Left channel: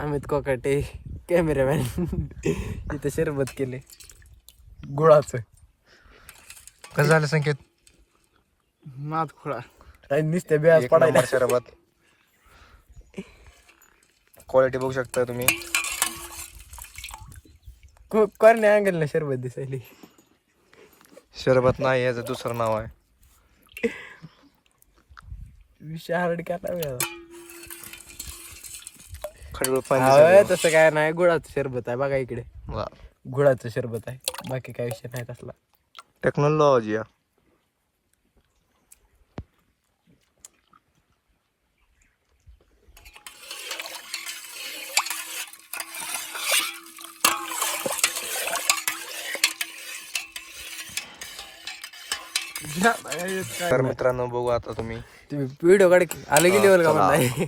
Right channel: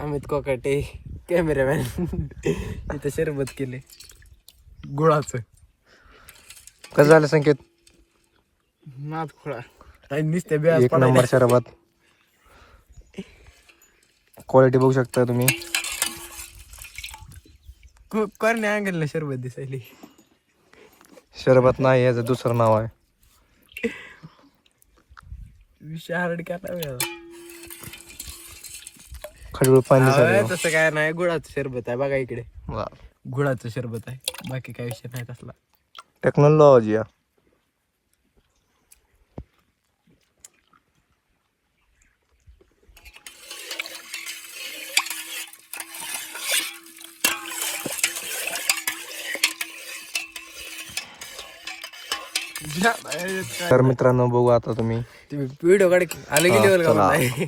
Amit Kokate cameraman इथे शरबत केले गुळाचं. कसं झालं संकेत? नाद खुळा नुसत्या बिया एक नंबर शरबत. क्वालिटी बघू शकता तुम्ही. करणे अंगलला शरबत दिसायली. शरबत नाही, याचं दुसरं नाव आहे. विषय हार्ड केला खडूळ पाणी दिसायलं. तसं काय नाही, गुळाचं शरबत आहे बघा इकडे. वा. गुळाचं शरबत आहे, बाकी काय विषय नाही तसला. टेक्नॉलॉजी या. तर मित्रांनो बघू आता तुम्ही. व्हिडिओ काढ अलग लेवल का म्हणताय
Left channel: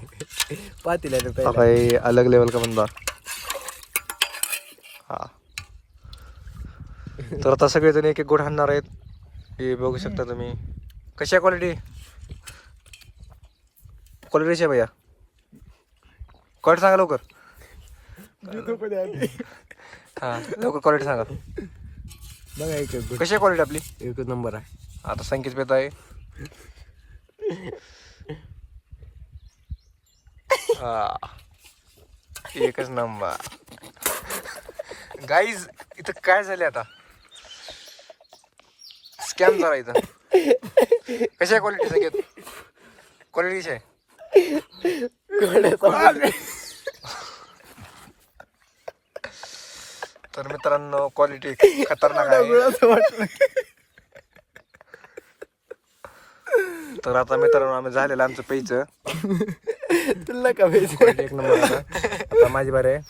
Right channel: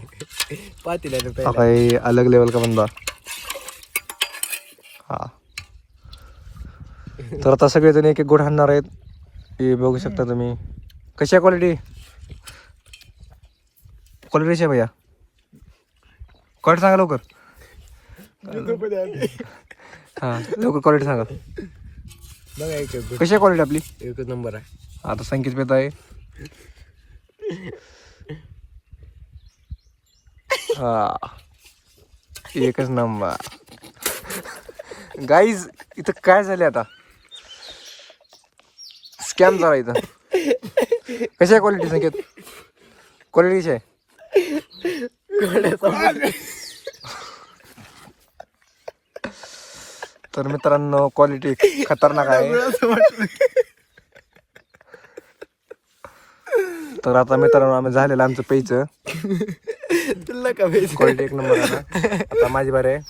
पातीला का आता हे अलग लेवल का बंदा. हा तर आता सगळेजण एक एक गोड हाणणार आहेत. हे बघू शकता तुम्ही. कशी आहे क्वालिटी? क्वालिटी आहे भैया. क्वालिटी सांगा लवकर. हा लवकर क्वालिटी सांगा. बघा एक कशी आहे क्वालिटी आपली? एकच नंबर आहे. आता संकेत पेत आहे. हा एकच नंबर. गाईज इथं काय झाले आता? स्कॅम झाला इथं. कशी आहे क्वालिटी संकेत? क्वालिटी कशी आहे? तर मित्रांनो क्वालिटी खतरनाक आहे. तर आता मित्रांनो आम्ही झालेलं आमचं प्यायचं. क्वालिटी आता माझी बारी आहे.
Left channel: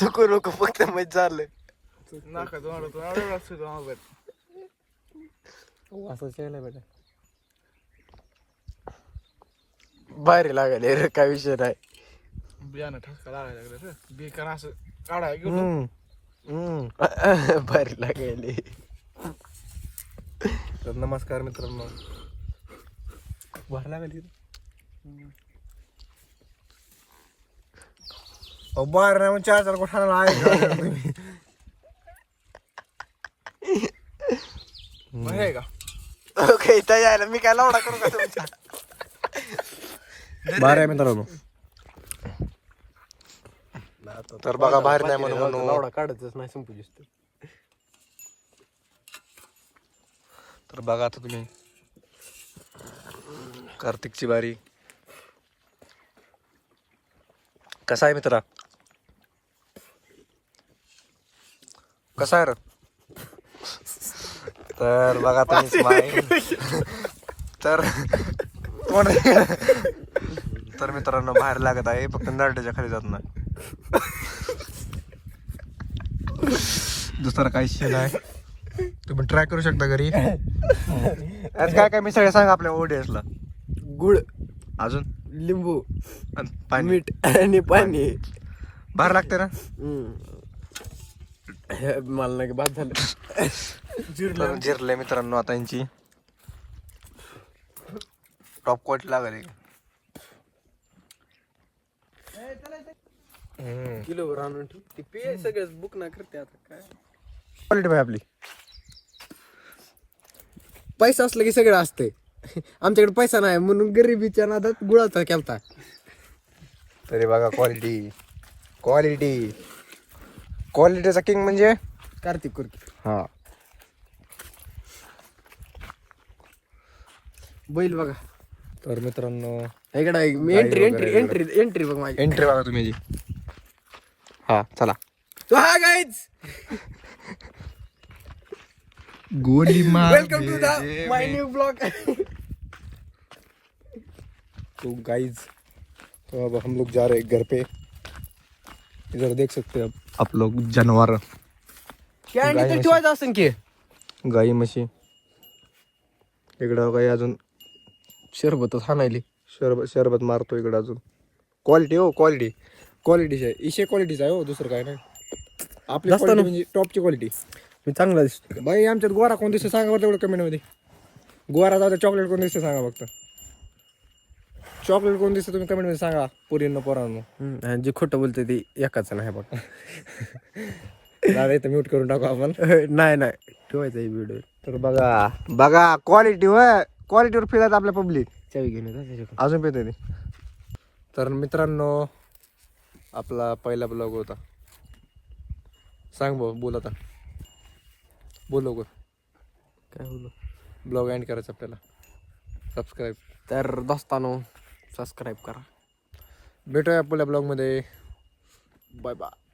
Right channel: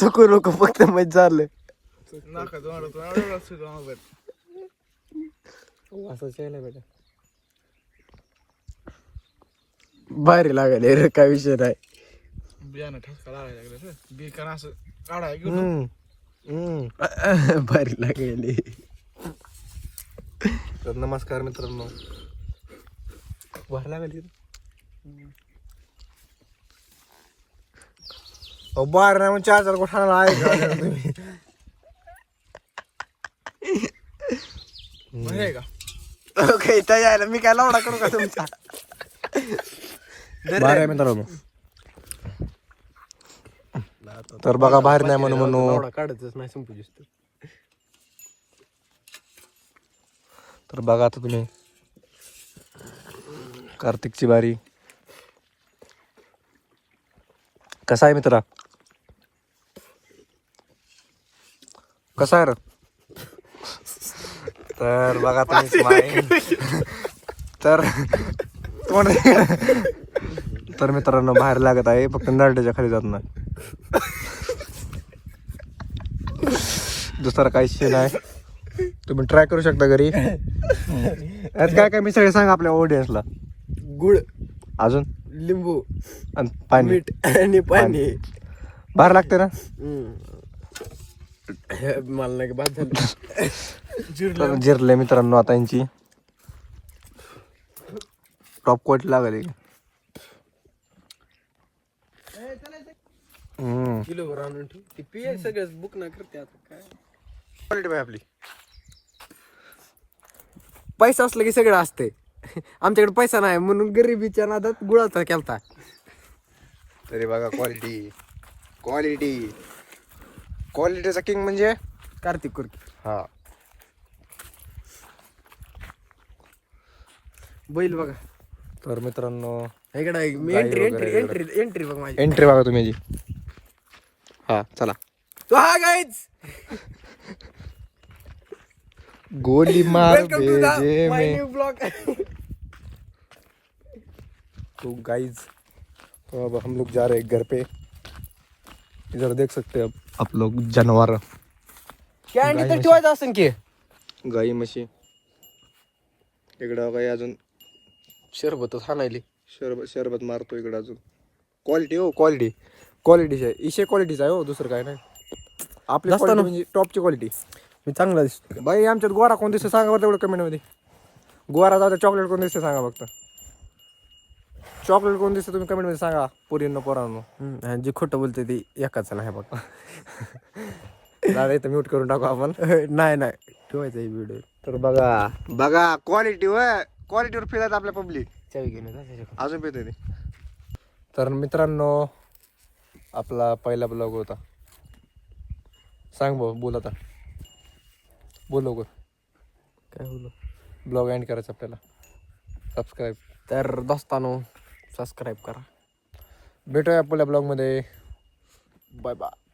चुकू नको फक्त मजा झालं. भारी लागले रे, काय विषय नाही. बियाणं ठसका लागायला बिकान असं काढाय भारी लागले. तर नमस्कार मित्रांनो. भारी लागली बाहेर नाही म्हणजे 4 गोष्टाला आहे का. ओके यायला मी काय लावडा करू का तुमचा? बाहेर आहे मित्रांनो. तर बघा बाहेर नाही म्हणून काढतच नाही संपू दिसतो. तर बघा आता तुम्ही कार्तिकची बारी. कसा आहे मित्रा? कसा आहे रे? तर बघा तुम्ही स्माईल. तर मित्रांनो बाहेर लागत आहे, फक्त नरड्याच्या खाली जात नाही. दुसरा काही विषय नाही. तुम्ही ट्राय करू शकता घरी. काय काय मी सगळे सांगा आपल्या ऑडियन्सला. गुळ, अजून लिंबू आणि पाणी, मीठ आणि पाणी बाहेर लागते ना. मला नाही बाद झालं. जिरले मित्रांनो आता यांची टॉप क्वालिटी लागली. किलोभर आणून ठेव. सगळं बुक नाही करते आता काय क्वालिटी पाहिजे आपली. पैसा असला की सगळं असते. आमच्याकडे पैसा नाही म्हणून गरिबीच्या नादात गुळाचा केलता. तरी बघा क्वालिटी क्वालिटी क्वालिटीचा किंग म्हणजे कार्तिक कुर्की. हा बैल बघा. तर मित्रांनो इकडे एंट्री एंट्री एंट्री एंट्री बघ माझी. एंट्री बघा तुम्ही. हा चला. So hi guys, गोली मार. welcome to the my new vlog. तो गाइज तो अब हम लोग जा रहे हैं घर पे. इधर देख सकते हैं आप लोग जानवर. काय नाही तर ठेवायचं असेल की गाई म्हशी. इकडं गाई अजून शरबतच हाणायली. शरबत मारतो इकडं अजून. क्वालिटी हो क्वालिटीच आहे. इशे क्वालिटीच आहे हो, दुसरं काय नाही. आपली quality म्हणजे टॉपची क्वालिटी. मी चांगला दिसतो बाई. आमच्यात गोरा कोण दिसतो सांगा बरं तेवढं कमेंट मध्ये. गोरा जाऊ चॉकलेट कोण दिसतं सांगा फक्त. चॉकलेट कोण दिसतं तुम्ही कमेंट मध्ये सांगा पुरींनो पोरांनो. आणि जे खोटं बोलते ते एकाच नाही बघ. दादा इथं म्यूट करून टाकू आपण. नाही नाही ठेवायचा व्हिडिओ. तर बघा बघा क्वालिटीवर फिरत आपल्या पब्लिक. चावी घेऊन अजून पेते ती. तर मित्रांनो आपला पहिला ब्लॉग होता. सांग भाऊ बोल आता. बोल लवकर. काय बोलू. ब्लॉग एंड करायचं आपल्याला. सबस्क्राईब. तर दोस्तानो सबस्क्राईब करा. भेटूया आपल्या ब्लॉगमध्ये. Bye bye.